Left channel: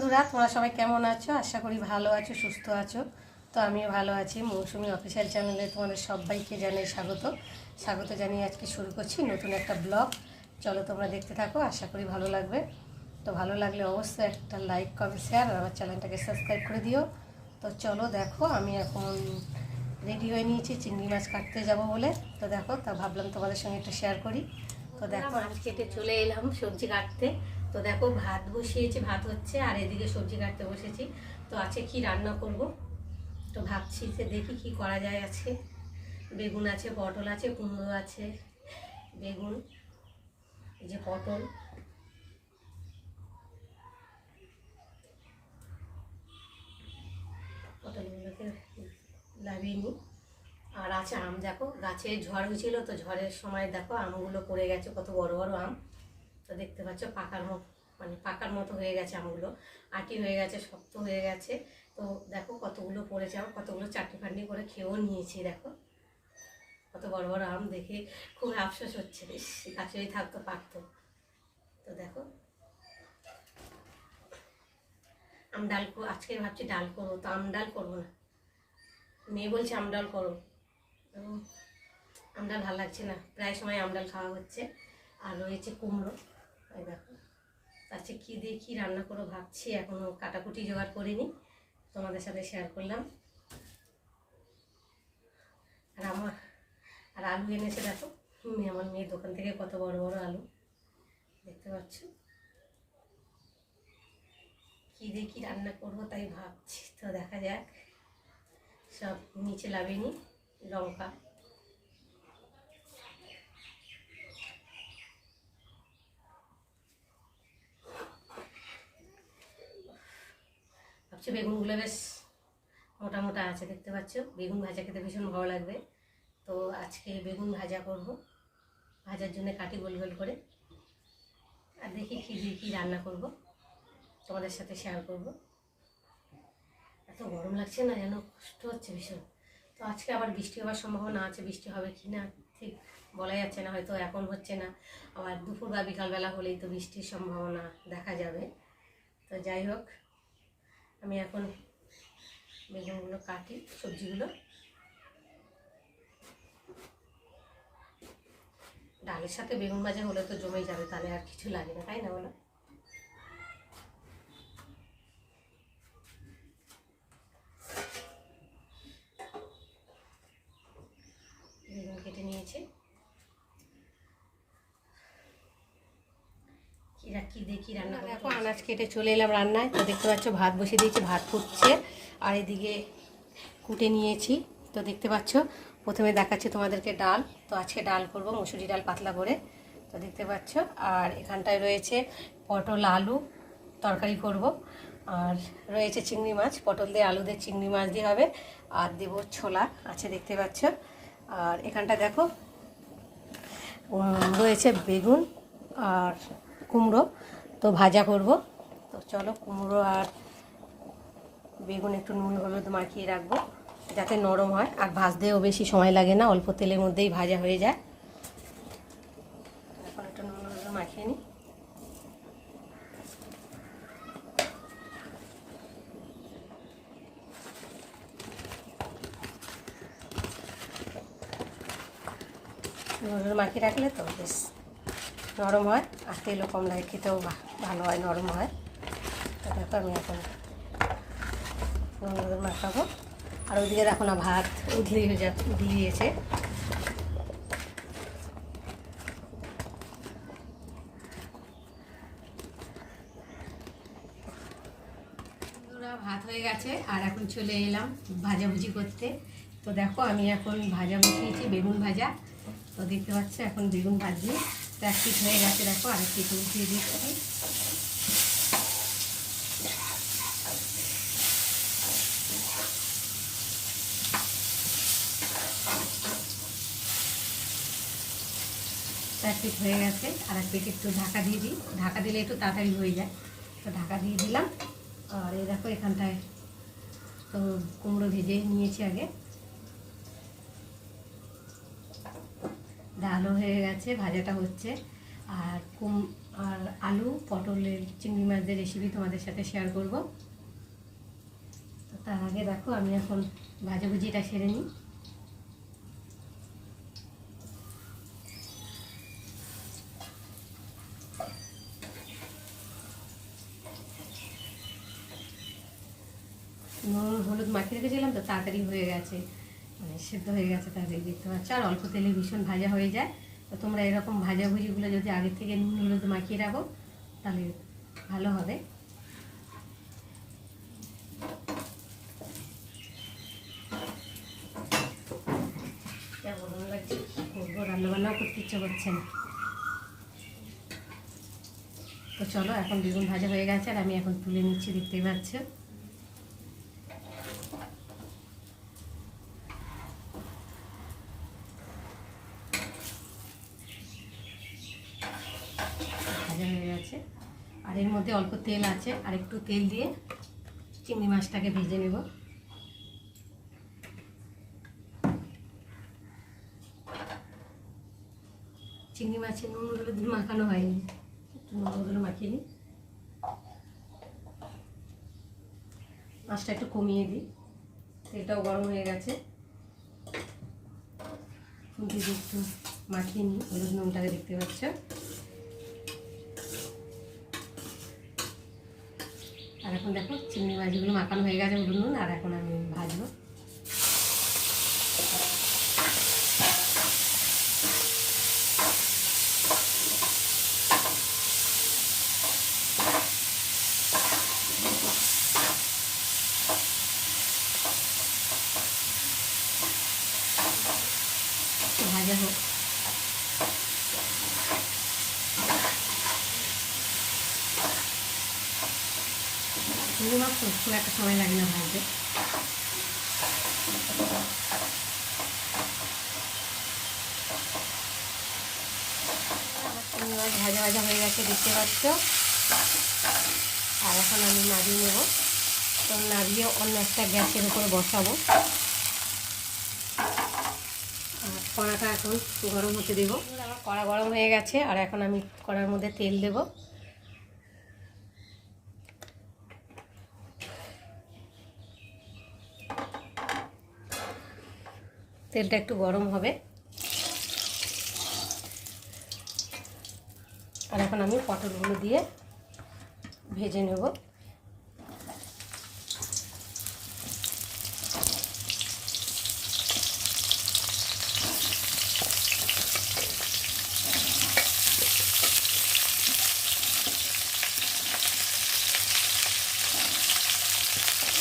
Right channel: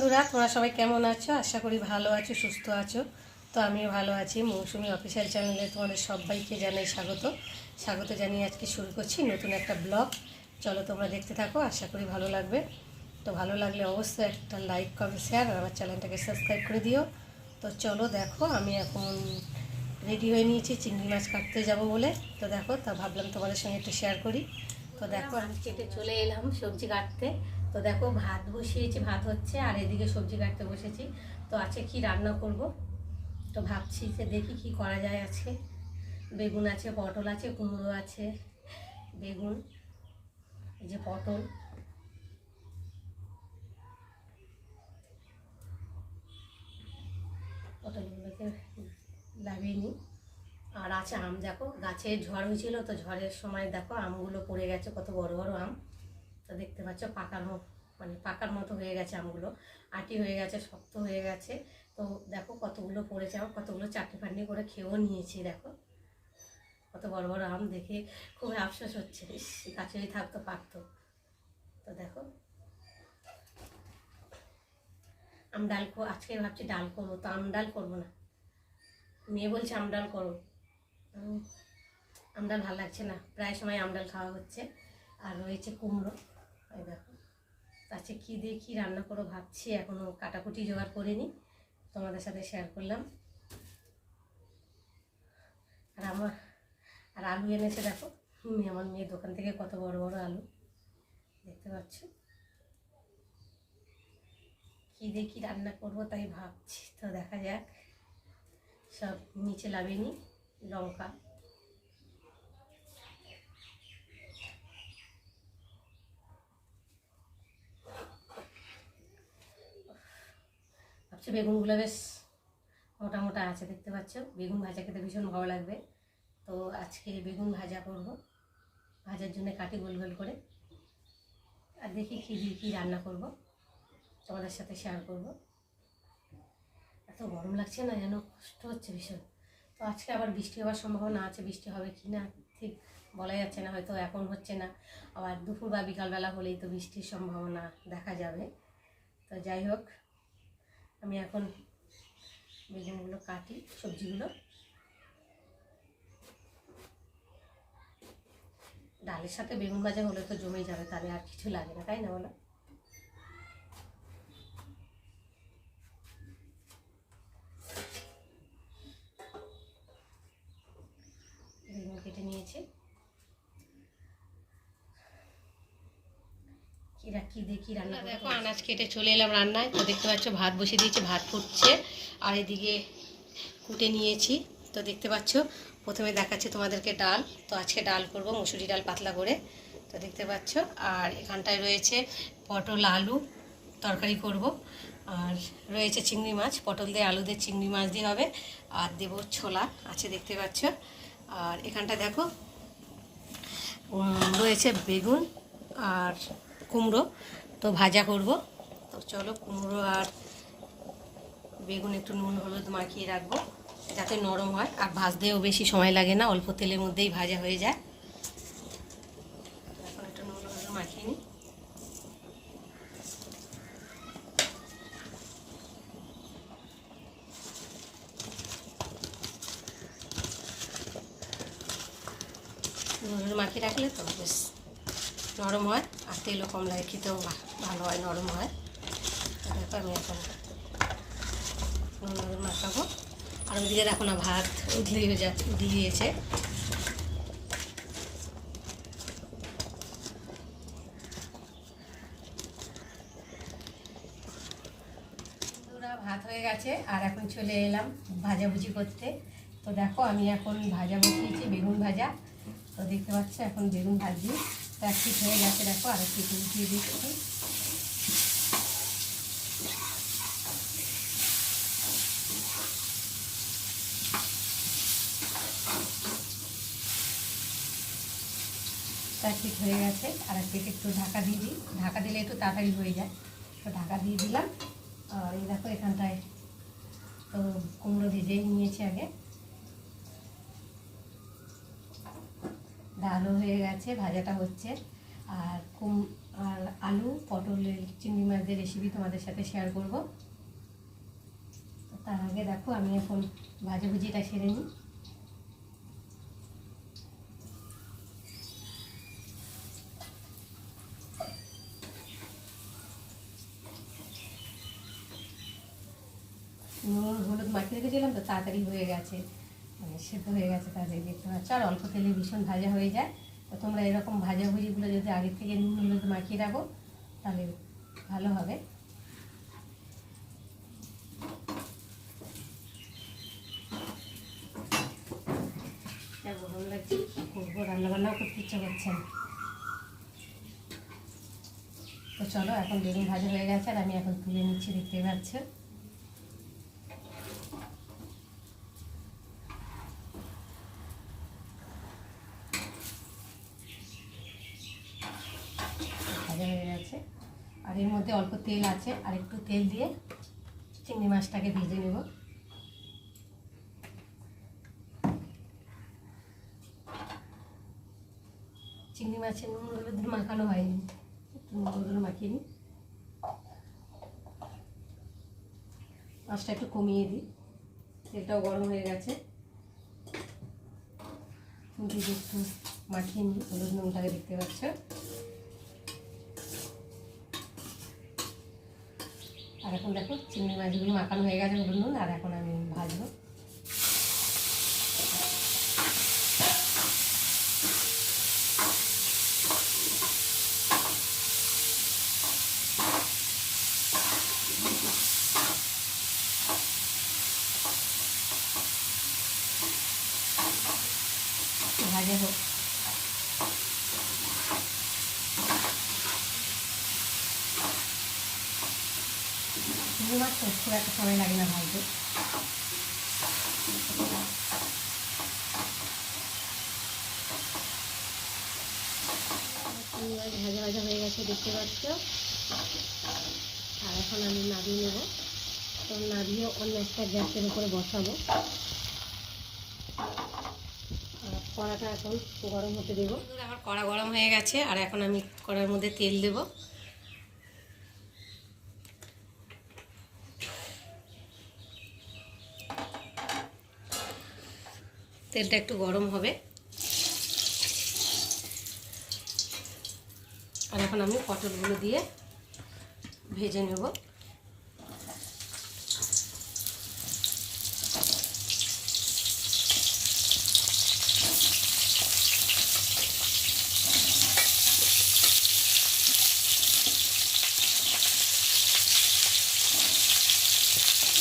বন্ধুরা, তোমরা সবাই কেমন আছো? আশা করি ভালো আছো, সুস্থ আছো। তো আমিও ভালো আছি। মৌসুমি অফিসিয়াল চ্যানেলে তোমাদের সবাইকে জানাই স্বাগত। স্বাগত জানিয়ে আজকে শুরু করছি নতুন একটা ব্লগ। চলো তোমরা দেখতে থাকো, আশা করি ভালো লাগবে। তো ভালো লাগলে অবশ্যই একটা লাইক কমেন্ট শেয়ার আমার চ্যানেলটাকে সাবস্ক্রাইব করে দিও। তো চলো দেখো, আমি এখন রেডি হয়ে নিয়েছি, চিংড়ি মাছ কাটতে যাব বলে। তো দেখো, তা ভাবলাম তোমাদের সঙ্গে একটু শেয়ার করি। তো দেখো কেটে চলে এলাম সবজি কাটতে। তো দেখো ভাত বসিয়েছি, ভাত হচ্ছে, আর এদিকে সবজি কাটতে বসেছি। তো আছে কি রান্না করব? তো ভাবছি যে দেখি কি করা যায় আজকে। বেগুন আছে, পটল আছে, কুমড়ো আছে, বেগুন, এই যে পটল। পটলগুলোকে লাগিয়ে নিই। আর আছে আম, দেখো, গাছে ঝড় হয়েছিল, তো ঝড়ের সময় দেখো, আমগুলো পড়ে গেছে, কত বড় বড় আম। তো দেখতে পাচ্ছ পাকার মতো মানে পাকার মতো হয়ে গেছে আমগুলো। আটি হয়ে গেছে, শক্ত হয়ে গেছে। তো দেখো কতগুলো পড়েছে আম কতগুলো চাটনি ফাটনি করে খেয়েও নিয়েছি, দেখো। কত বড় বড় আম দেখে খুব আফসোস হচ্ছে। গাছেই থাকতো পারতো তো দেখো। আম ডাল আজকে ভাবছি ডাল করব, তো আম ডাল করব না। মেয়ে বলছে আম ডাল করো। আম ডাল ভালো লাগছে না। প্রায় সময় আম ডাল খাওয়া হচ্ছে। আর রয়েছে কুমড়ো। এই দেখো। আচ্ছা কী দিয়ে কী রান্না করো ভাবছি এখনও কাটাকুটি জোগাড় করিনি। তোমাদের সাথে শেয়ার করলাম। আর আমার, আর আলু এনেছে দেখো। আমার মেয়ে দোকান থেকে কত বড় বড় আলু। দেখতে পাচ্ছ? কী দিয়ে রান্না করব তাই ভাবছি। তো দেখা যাক। সব নিচে নিই লঙ্কা। ভাবছি বেগুনগুলো বেশ মোটা মোটা আছে, দেখতে পাচ্ছ? বেগুন ভাজা খেতে ভীষণ ভালো লাগবে। তো আজকে বেগুন ভাজা করব। ভাজার জন্য কাটি গোল গোল করে। আর দেখি কী দিয়ে কী রান্না করব। তোমাদের সাথে শেয়ার করব। এত গরম লাগছে না যেন, কষ্ট হচ্ছে ভীষণ। তো আজকে আবার বৃষ্টি হওয়ার সম্ভাবনা আছে, বৃষ্টি হবে কি না, ঠিক বলা যাচ্ছে না, হয়তো এখন হচ্ছে না। আবার দুপুর বা বিকালবেলা হলেই তো বৃষ্টির সম্ভাবনা দেখা যাবে। তো যাই হোক আমি এখন বেগুনগুলো কাটি, সবজিগুলো। ডালের সাথে বেগুন ভাজা হলে তো জমেই যাবে, তাহলে আর কিছু লাগে না, তাই না বলো বেগুন কেটে নিয়েছি কিরা কি দেখি রান্না দেখো আনাজ কেটে চলে এলাম রান্নায়। তো দেখতে পাচ্ছ ভাত বসিয়ে দিয়েছি ভাত ফুটছে। আর এদিকে কুটে নিয়েছি। তো দেখতে পাচ্ছ প্রথমে দেখাচ্ছে তোমাদেরকে ডাল। তো আজকে ডাল করব মুসুরি ডাল পাতলা করে। তো দেখতে পাচ্ছ আর এখানটায় রয়েছে পটল আলু তরকারি করব। আর রয়েছে চিংড়ি মাছ। পটল দিয়ে আলু দিয়ে চিংড়ি মাছ দিয়ে হবে। আর দেব ছোলা আছে দেখতে পাচ্ছ। আর এখানটা দেখো রয়েছে বেগুন। আর কুমড়ো। তো ভাজা করব। তো চলো কুমড়ো আর বেগুন একটু নুন হলুদ মাখিয়ে রাখব, যাতে নরম হয়। আর ভাজতেও বেশি সময় লাগে না, অল্প তেলের মধ্যেই ভাজা হয়ে যায়। এখন একটু নুন মাখিয়ে নিই। নুন মাখিয়ে রাখলে তো বেশ নরম হয় আর তেলও কম লাগে খেতেও ভালো হয় নরম হয়। তো আমি এখন নুন মাখাবো। আর ওইদিকে দেখো না ভাত উঠলিয়ে যা দিয়েছে বন্ধুরা, ভাত হয়ে গেছে আর এখন চলে এলাম ভাজাভুজি করতে। তো দেখো আমি এখন ভাজা বসিয়েছি বেগুন ভাজা। তো দেখতে পাচ্ছ এখন বেগুন ভাজি তো হয়ে গেছে দেখো আর এক পিঠ উঠিয়ে দিচ্ছি এক হয়ে গেছে আর এক পিঠ একটু ঢাকা দিয়ে দিই ঢাকা দিলে একটু তাড়াতাড়ি হয়ে যায় তো ঢাকা দিয়ে দিলাম। আর এই দেখো এখানটায় তো কুমড়ো ভেজে নিয়েছি আগে। ডালও হয়ে গেছে, ভাজাটা হচ্ছে। আর কুম, আর আলু, পটলের চিংড়ি মাছের রেসিপি তোমাদের সাথে শেয়ার করব। তার আগে দেখো, আমি এখন ভাজাভুজিটা সেরে নিই। নুন, হলুদ মাখিয়ে রেখেছিলাম তো, তাড়াতাড়ি হয়ে গেছে। মানে সেদ্ধ হয়ে গেছে তাড়াতাড়ি দেখতে পাচ্ছ। আর অল্প তেলে ভীষণ ভাজা হয়ে যায়। তো তোমরা এরকম ভাজাভুজিগুলো যদি আগে থেকে নুন হলুদ মাখিয়ে রাখো, তাহলে ভালো হবে। করব? করতে তো চলো, এখন বেগুন ভাজা হয়ে গেছে, আর আমি এখন তুলে নিচ্ছি দেখতেই পাচ্ছ ভাজা হয়ে গেছে আর এর মধ্যে অল্প তেল আছে, আর একটু তেল দিয়ে চিংড়ি মাছটাকে ভেজে নেব। চিংড়ি মাছের নুন, হলুদ মাখানো হয়নি। একটু নুন, হলুদ মাখিয়ে নিই মাছটা একটু কমিয়ে দিই। তেলটাও গরম হয়ে গেছে। দিয়ে একটু মাখিয়ে নিই হলুদ নুনটাকে দেখতে পাচ্ছ? এখন দেখো চিংড়ি মাছগুলো মাখানো হয়ে গেছে উঠুন আর এখন আমি ভাজবো ভাজা হোক চিংড়ি মাছ তো খুব একটা সময় লাগে না মাছ ভাজা ভাজা হয়ে গেছে দেখতে পাচ্ছ আর এখন আমি নাড়িয়ে নেব তো নাড়িয়ে অন্য একটা গ্যাসের উপরে বসাবো কড়াটা এখন গরম হতে দিব আমার কড়া গরম হয়ে গেছে আর এখন আমি কড়ার মধ্যে তেল দেবো তেলটা একটু গরম হবে। আর এখন আমি পটলগুলো দিয়ে ভেজে নেব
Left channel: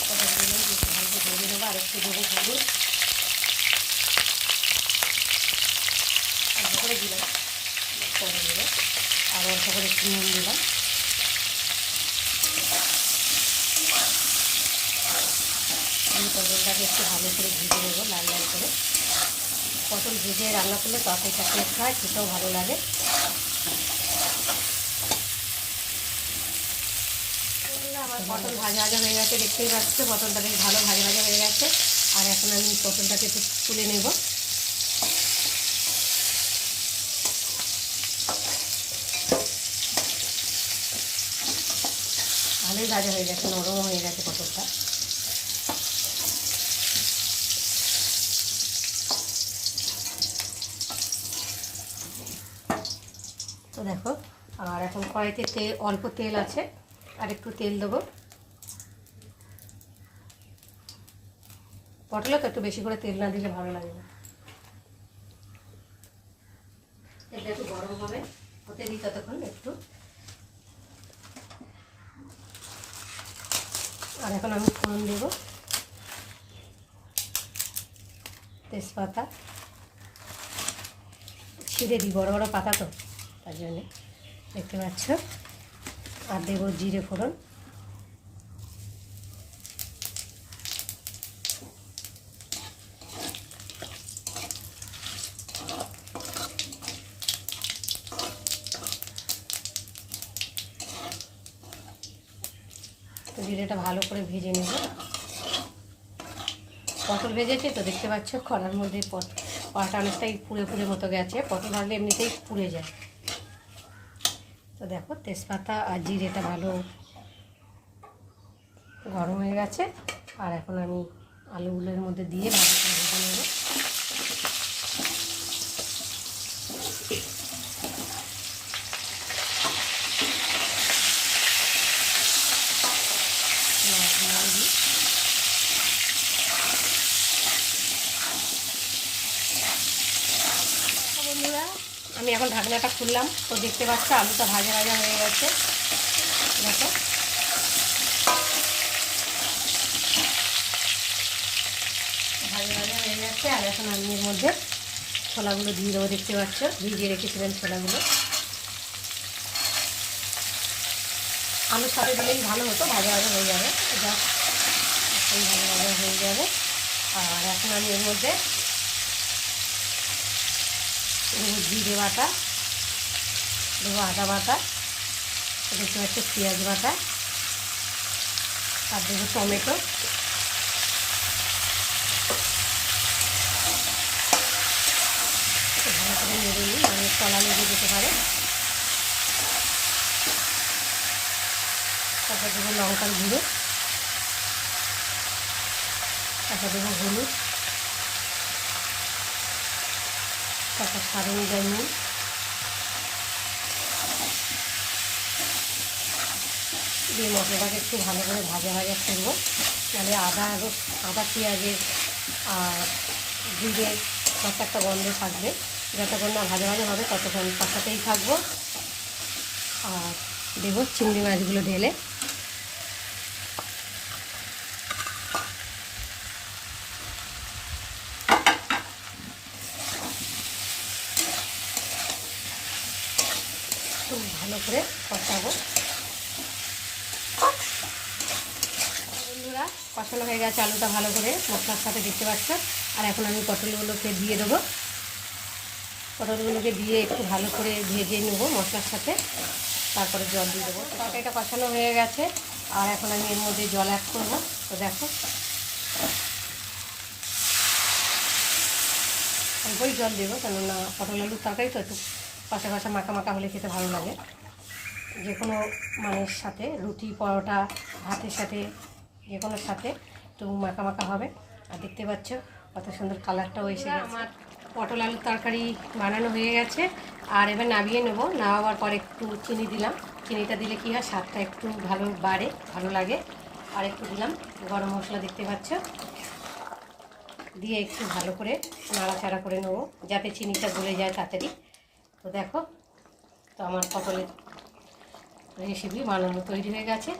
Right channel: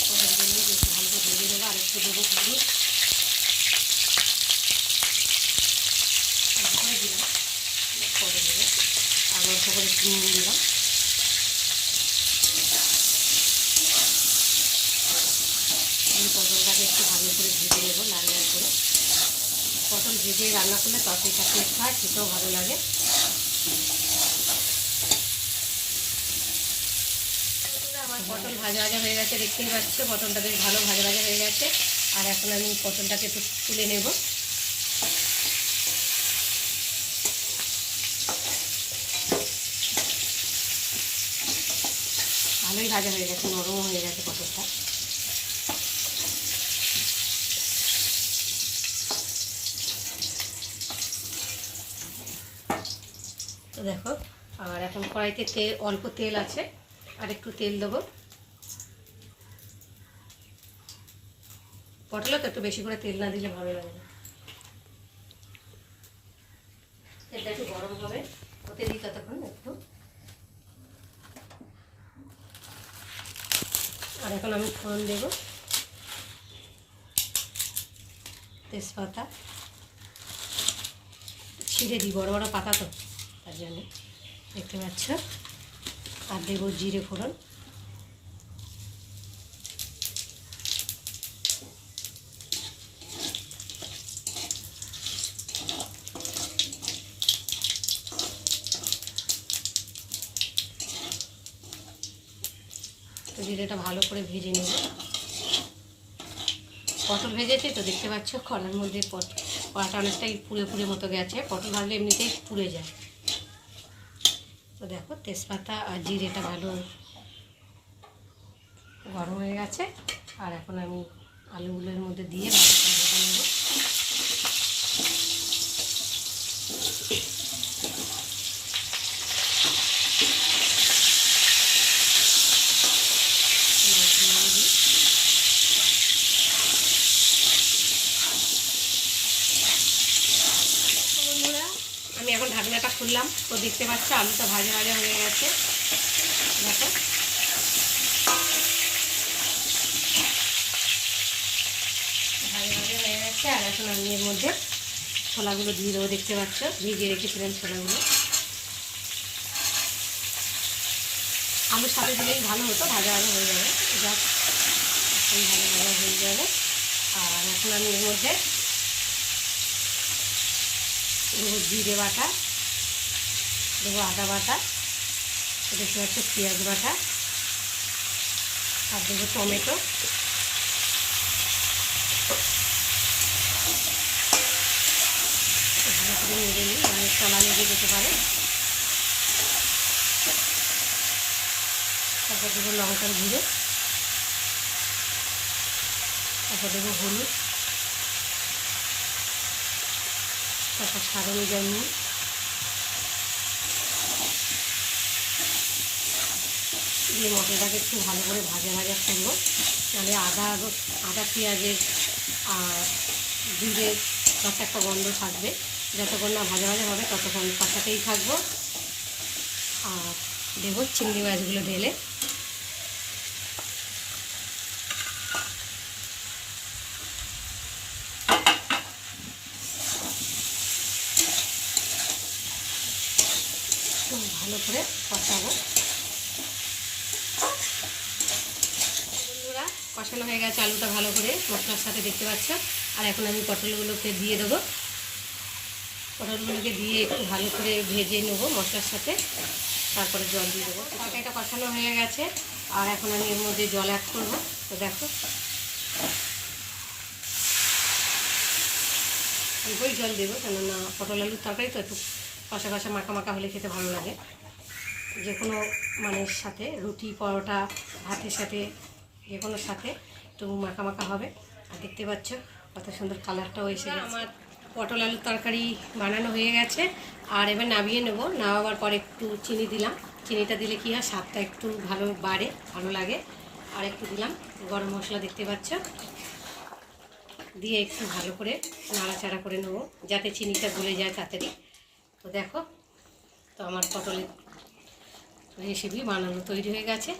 পটলগুলো একটু ভালো করে ভেজে নেব আর একটু দেবো হলুদ অল্প করে দিলাম করে দিল আর অল্প করে একটু নুন দিলাম আমি পটলটাকে একটু ভালো করে ভেজে নেব লাল লাল করে পটল ভেজে রান্না করলে তরকারিটা টেস্ট হয় খেতেও ভালো লাগে পটল ভাজা ভাজা হয়ে গেছে দেখতেই পাচ্ছ পটলটা বেশ ভালো ভাজা ভাজা হয়ে গেছে আর এখন আমি পটলটাকে একটু তুলে নেব। ভালোই ভাজা হয়ে গেছে নরম হয়ে গেছে পটলটা তো দেখো, আর এখন কড়াইতে তেল, অল্প তেল আছে, আর একটু তেল দেবো। পটলে তো একটু বেশি করে তেল না দিলে ভালো লাগে না। তেলটা একটু গরম হবে, ওতে দিই ততক্ষণ একটু। আর এখন আমি ফোড়ন দেব। তেজপাতা। ছিঁড়ে দিই, বড়ো বড়ো পাতা তো, তার জন্যে। দেখতে পাচ্ছ? আর দেবো জিরে ফোড়ন তো জিরেটা ভালো করে ভেজে নেব পটল ভেজেছে তো দেখতে পাচ্ছ কড়ার মধ্যে পট, কলাটা অনেকটাই পুড়ে পুড়ে মতো গেছে, পটল হলে এমনিতেই পুড়ে যায়। তো দেখো তেজপাতা আর জিরেটা ভালো গরম হয়ে গেছে, আর এখন আমি আলুগুলোর মধ্যে দিয়ে ভালো করে ভেজে নেব পেঁয়াজ দিয়ে দিই। বন্ধুরা ঢাকনাটা খুললাম। তো দেখতে পাচ্ছ, আলুটা ভাজা ভাজা হয়ে গেছে। দেখো। ভাজা ভাজা হয়ে গেছে, আর এখন আমি এর মধ্যে ছোলাগুলো দিয়ে দেবো, দেখতে পাচ্ছ? ভিজিয়ে রেখেছিলাম ছোলাগুলো। আলুর সাথে দিলেই ভালো হতো, ভাজা ভাজা হয়ে যাবে। এটা ভাজা ভাজা হয়ে যাবে। আর এখন আমি এর মধ্যে জিরে বাটা দেবো আদা বাটা দেখতে পাচ্ছি পেঁয়াজ বাটা, আর দেবো টমেটো। নেড়ে নিই মানে যেতে পারে। তারপর দেবো লঙ্কার তারপর দেবো হলুদ, তারপর দিয়ে মশলাটাকে একটু ভালো করে ভাজা ভাজা করব। তাহলে আদা আদা, পেঁয়াজের আর জিরে কত একটা গন্ধ থাকবে। যতক্ষণ না ভাজা ভাজা হবে, ততক্ষণ কষাতেই থাকব। আর দেবো চিংড়ি মাছগুলো ঢেলে। ভালো করে কষাবো বন্ধুরা কষানো হয়ে গেছে, আলুটা ভালো করে মশলার সাথে দেখতে পাচ্ছ। আর এখন আমি পটলগুলোকে দিয়ে দেবো। পটলগুলোকে দিয়ে একটু ভালো করে ভেজে নেব মশলার সাথে। তারপরে জল দিয়ে দেবো। তরকারিটা কষানো হয়ে গেছে। আর এখন আমি এর মধ্যে জল অ্যাড করব। তো দেখো। অল্পই জল দেবো, কেননা পটল আলুর তরকারি তো একটু কষা কষা মাখা মাখা হলে খেতে ভালো লাগে। যে কোনো মানের সাথে, রুটি, পরোটা, ভাতের সাথে যে কোনো সাথে। একটু মাখা মাখা হবে। আর দেখতে পাচ্ছ কত সুন্দর কালারটাও এসে আমার পটল আলুর তরকারি বানানো হয়ে গেছে। আর এবার নামিয়ে নেব। নামাবার পরে একটু চিনি দিলাম। চিনিটা দিলে কি হয় স্বাদটা একটু ভালো বাড়ে ভালো লাগে। আর একটু দিলাম গরম মশলা দেখতে পাচ্ছ? দিয়ে একটু ভালো করে নাড়াচাড়া করে নেব যাতে চিনিটা গলে যায় তাড়াতাড়ি। তো দেখো তো আমার পটলের রেসিপি বানানো তৈরি হয়ে গেছে।